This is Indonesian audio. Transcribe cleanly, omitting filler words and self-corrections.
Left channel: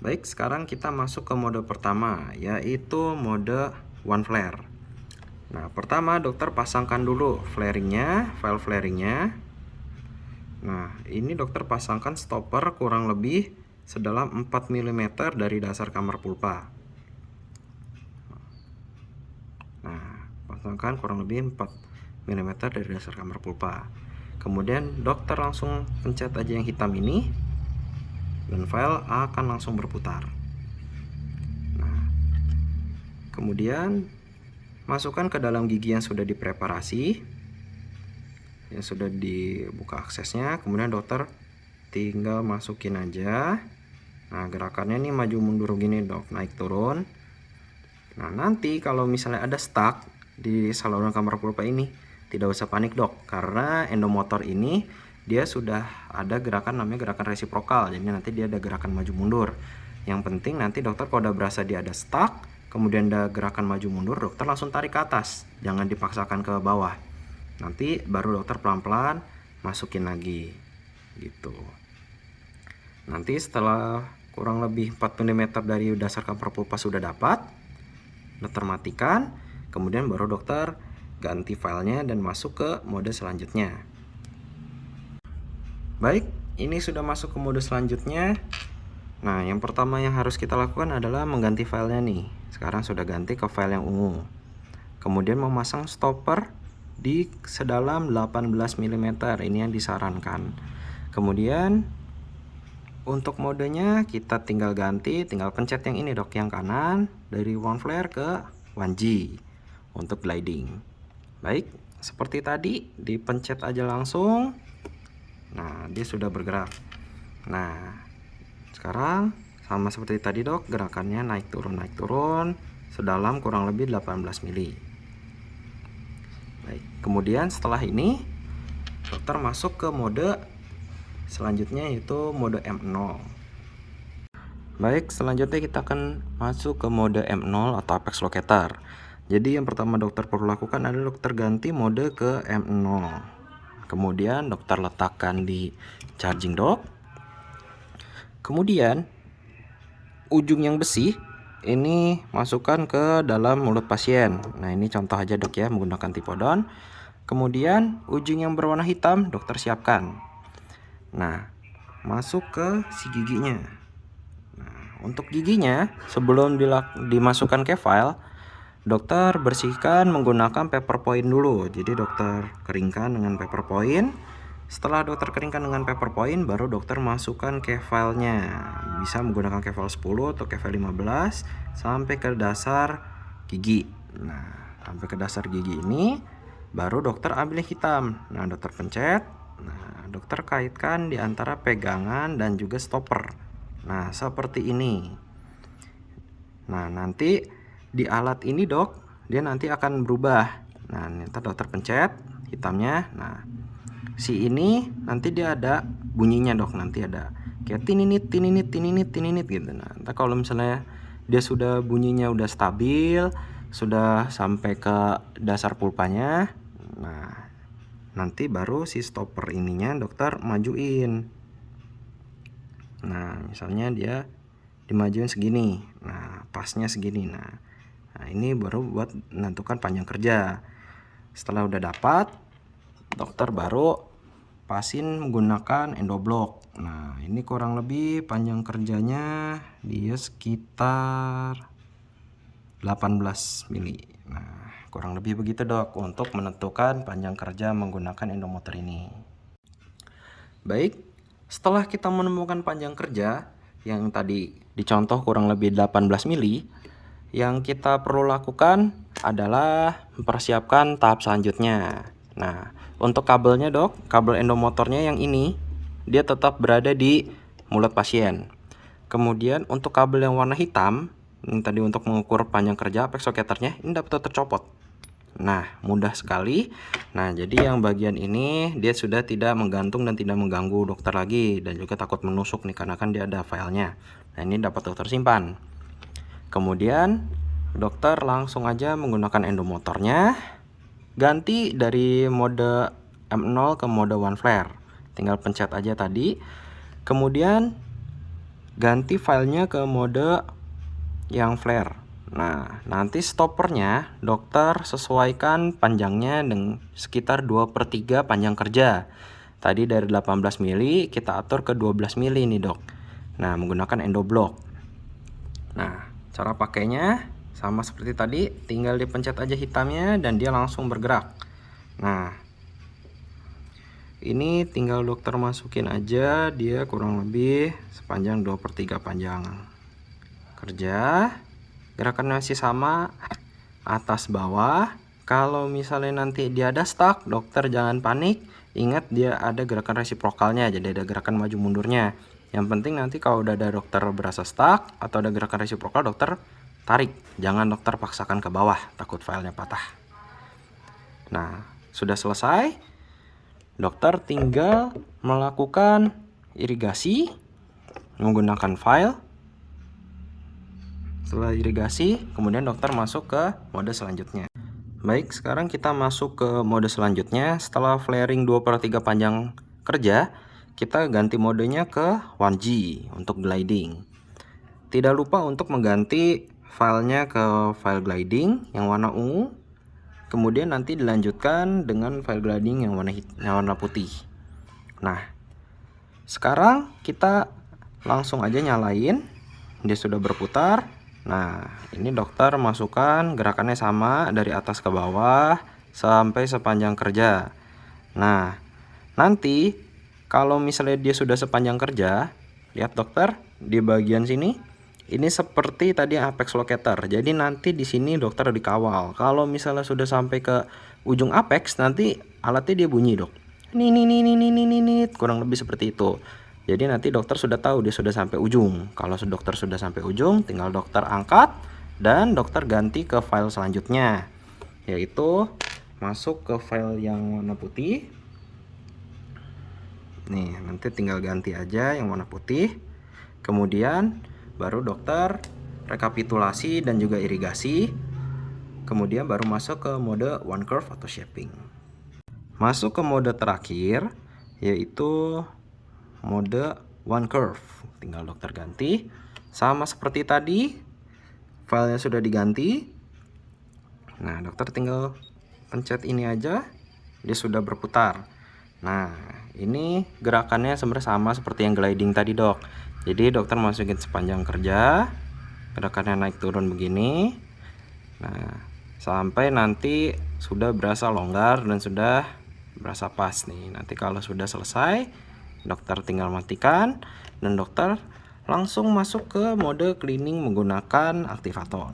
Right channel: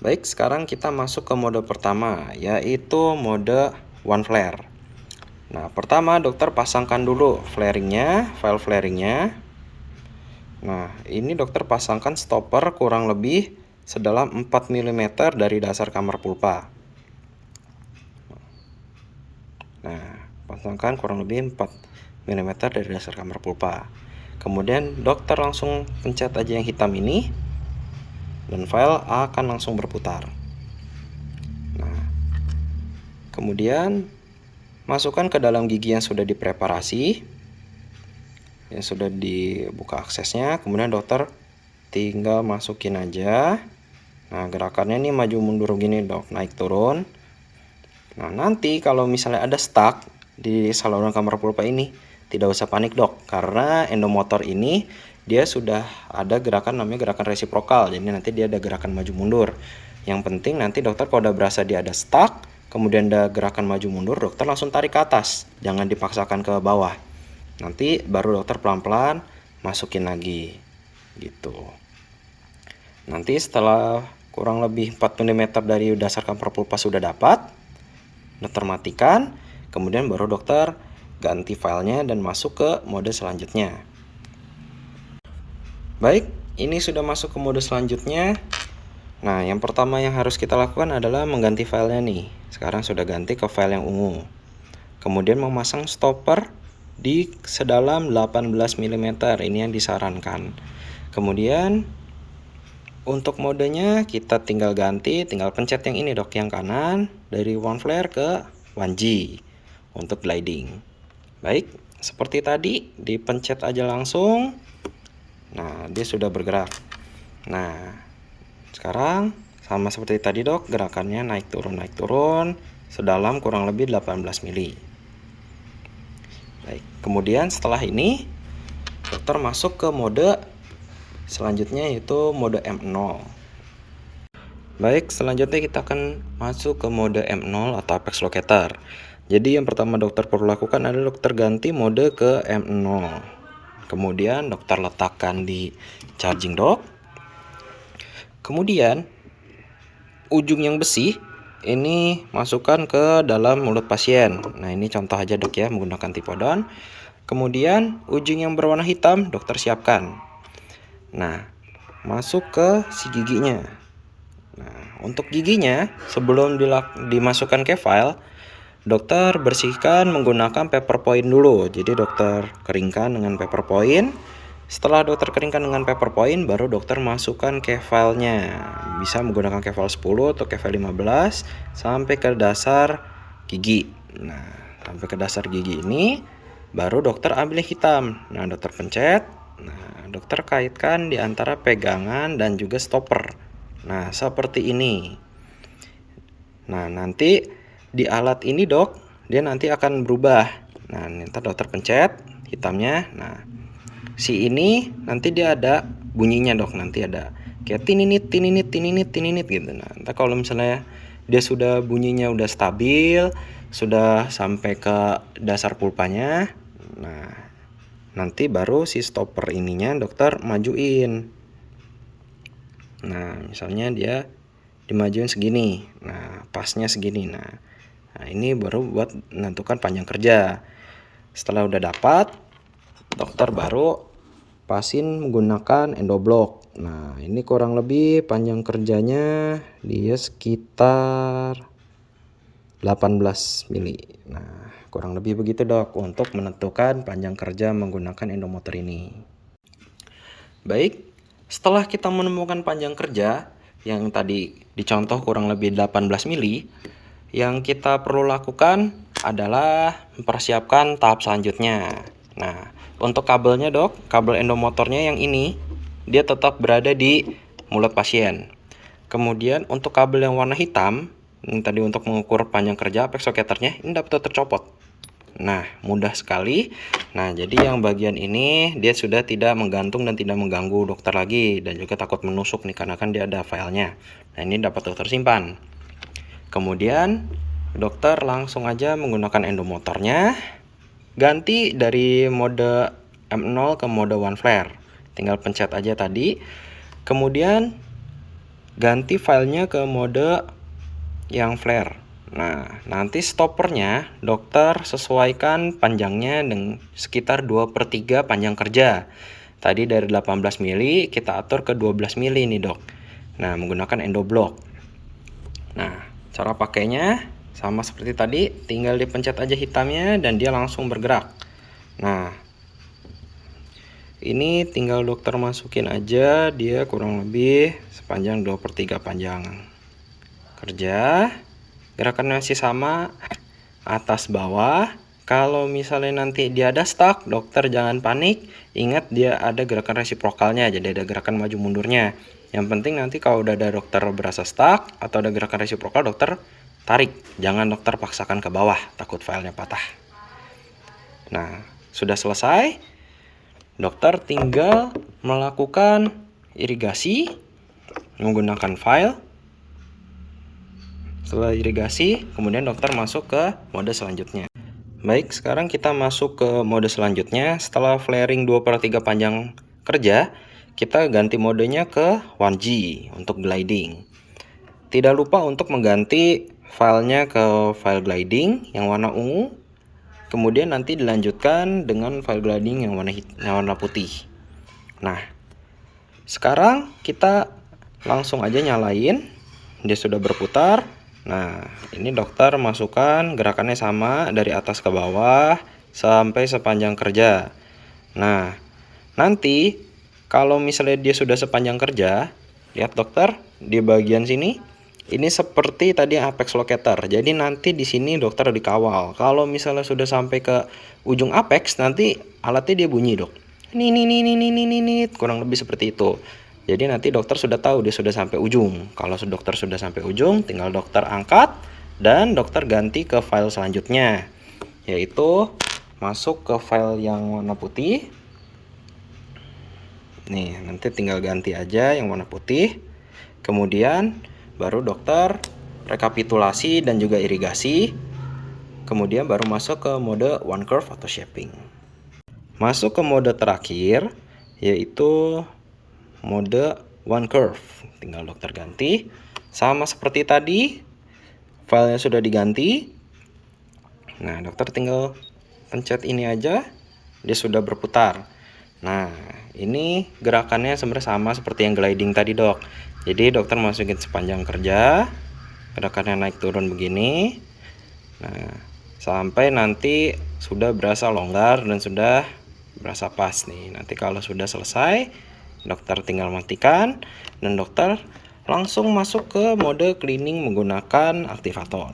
Baik, sekarang kita masuk ke mode pertama, yaitu mode one flare. Nah, pertama dokter pasangkan dulu flaringnya, file flaringnya. Nah, ini dokter pasangkan stopper kurang lebih sedalam 4 mm dari dasar kamar pulpa. Nah, pasangkan kurang lebih 4 mm dari dasar kamar pulpa. Kemudian dokter langsung pencet aja yang hitam ini, dan file akan langsung berputar. Nah, kemudian masukkan ke dalam gigi yang sudah dipreparasi, yang sudah dibuka aksesnya. Kemudian dokter tinggal masukin aja. Nah, gerakannya ini maju mundur gini dok, naik turun. Nah, nanti kalau misalnya ada stuck di saluran kamar pulpa ini, tidak usah panik dok, karena endomotor ini dia sudah ada gerakan namanya gerakan resiprokal. Jadi nanti dia ada gerakan maju mundur. Yang penting nanti dokter kalau udah berasa dia ada stuck, kemudian ada gerakan maju mundur, dokter langsung tarik ke atas, jangan dipaksakan ke bawah. Nanti baru dokter pelan-pelan masukin lagi gitu. Nanti setelah kurang lebih 4 mm dari dasar kamar pulpa sudah dapat, dokter matikan, kemudian baru dokter ganti filenya dan masuk ke mode selanjutnya. Baik, ini sudah masuk ke mode selanjutnya. Nah, yang pertama yang harus kita lakukan adalah mengganti filenya nih. Sekarang sudah ganti ke file yang ungu. Kemudian memasang stopper di sedalam 18 mm, ini yang disarankan. Kemudian untuk modenya kita tinggal ganti, tinggal pencet yang ini dok, yang kanan, dari one flare ke 1G untuk gliding. Baik, seperti tadi dipencet aja langsung. Nah, dia sudah bergerak. Nah, sekarang sama seperti tadi dok, gerakannya naik turun sedalam kurang lebih 18 mili. Baik, kemudian setelah ini dokter masuk ke mode selanjutnya, yaitu mode M0. Baik, selanjutnya kita akan masuk ke mode M0 atau apex locator. Jadi yang pertama dokter perlu lakukan adalah dokter ganti mode ke M0. Kemudian dokter letakkan di charging dock. Kemudian ujung yang besi ini masukkan ke dalam mulut pasien. Nah, ini contoh aja dok ya, menggunakan tipodon. Kemudian ujung yang berwarna hitam dokter siapkan. Nah, masuk ke si giginya. Nah, untuk giginya sebelum dimasukkan ke file, dokter bersihkan menggunakan paper point dulu. Jadi dokter keringkan dengan paper point. Setelah dokter keringkan dengan paper point, baru dokter masukkan ke filenya. Bisa menggunakan ke file 10 atau ke file 15 sampai ke dasar gigi. Nah, sampai ke dasar gigi ini baru dokter ambil yang hitam. Nah, dokter pencet. Nah, dokter kaitkan di antara pegangan dan juga stopper. Nah, seperti ini. Nah, nanti di alat ini dok, dia nanti akan berubah. Nah, ntar dokter pencet hitamnya. Nah, si ini nanti dia ada bunyinya dok, nanti ada kayak tininit tininit tininit tininit gitu. Nah, ntar kalau misalnya dia sudah bunyinya udah stabil, sudah sampai ke dasar pulpanya, nah nanti baru si stopper ininya dokter majuin. Nah, misalnya dia dimajuin segini, nah pasnya segini. Nah, ini baru buat menentukan panjang kerja. Setelah udah dapat, dokter baru pasin menggunakan endoblock. Nah, ini kurang lebih panjang kerjanya dia sekitar 18 mili. Nah, kurang lebih begitu dok untuk menentukan panjang kerja menggunakan endomotor ini. Baik, setelah kita menemukan panjang kerja yang tadi dicontoh kurang lebih 18 mili, yang kita perlu lakukan adalah mempersiapkan tahap selanjutnya. Nah, untuk kabelnya dok, kabel endomotornya yang ini, dia tetap berada di mulut pasien. Kemudian untuk kabel yang warna hitam, ini tadi untuk mengukur panjang kerja apex locatornya, ini dapat tercopot. Nah, mudah sekali. Nah, jadi yang bagian ini dia sudah tidak menggantung dan tidak mengganggu dokter lagi, dan juga takut menusuk nih karena kan dia ada filenya. Nah, ini dapat dokter simpan. Kemudian dokter langsung aja menggunakan endomotornya, ganti dari mode M0 ke mode one flare. Tinggal pencet aja tadi. Kemudian ganti filenya ke mode yang flare. Nah, nanti stoppernya dokter sesuaikan panjangnya dengan sekitar 2/3 panjang kerja. Tadi dari 18 mili kita atur ke 12 mili nih dok. Nah, menggunakan endoblock. Nah, cara pakainya sama seperti tadi, tinggal dipencet aja hitamnya dan dia langsung bergerak. Nah, ini tinggal dokter masukin aja, dia kurang lebih sepanjang 2/3 panjang kerja. Gerakannya masih sama, atas bawah. Kalau misalnya nanti dia ada stuck, dokter jangan panik. Ingat dia ada gerakan resiprokalnya, jadi ada gerakan maju mundurnya. Yang penting nanti kalau udah ada dokter berasa stuck atau ada gerakan resiprokal, dokter tarik. Jangan dokter paksakan ke bawah, takut filenya patah. Nah, sudah selesai. Dokter tinggal melakukan irigasi menggunakan file. Setelah irigasi, kemudian dokter masuk ke mode selanjutnya. Baik, sekarang kita masuk ke mode selanjutnya. Setelah flaring 2/3 panjang kerja, kita ganti modenya ke 1G untuk gliding. Tidak lupa untuk mengganti filenya ke file gliding yang warna ungu. Kemudian nanti dilanjutkan dengan file gliding yang warna putih. Nah, sekarang kita langsung aja nyalain. Dia sudah berputar. Nah, ini dokter masukkan gerakannya sama dari atas ke bawah sampai sepanjang kerja. Nah, nanti kalau misalnya dia sudah sepanjang kerja, lihat dokter di bagian sini, ini seperti tadi apex locator. Jadi nanti di sini dokter dikawal. Kalau misalnya sudah sampai ke ujung apex, nanti alatnya dia bunyi dok. Ini, kurang lebih seperti itu. Jadi nanti dokter sudah tahu dia sudah sampai ujung. Kalau dokter sudah sampai ujung, tinggal dokter angkat dan dokter ganti ke file selanjutnya, yaitu masuk ke file yang warna putih. Nih, nanti tinggal ganti aja yang warna putih. Kemudian baru dokter rekapitulasi dan juga irigasi. Kemudian baru masuk ke mode one curve atau shaping. Masuk ke mode terakhir, yaitu mode one curve. Tinggal dokter ganti sama seperti tadi, filenya sudah diganti. Nah, dokter tinggal pencet ini aja, dia sudah berputar. Nah, ini gerakannya sebenarnya sama seperti yang gliding tadi dok. Jadi dokter masukin sepanjang kerja, gerakannya naik turun begini. Nah, sampai nanti sudah berasa longgar dan sudah berasa pas nih. Nanti kalau sudah selesai, dokter tinggal matikan dan dokter langsung masuk ke mode cleaning menggunakan aktivator.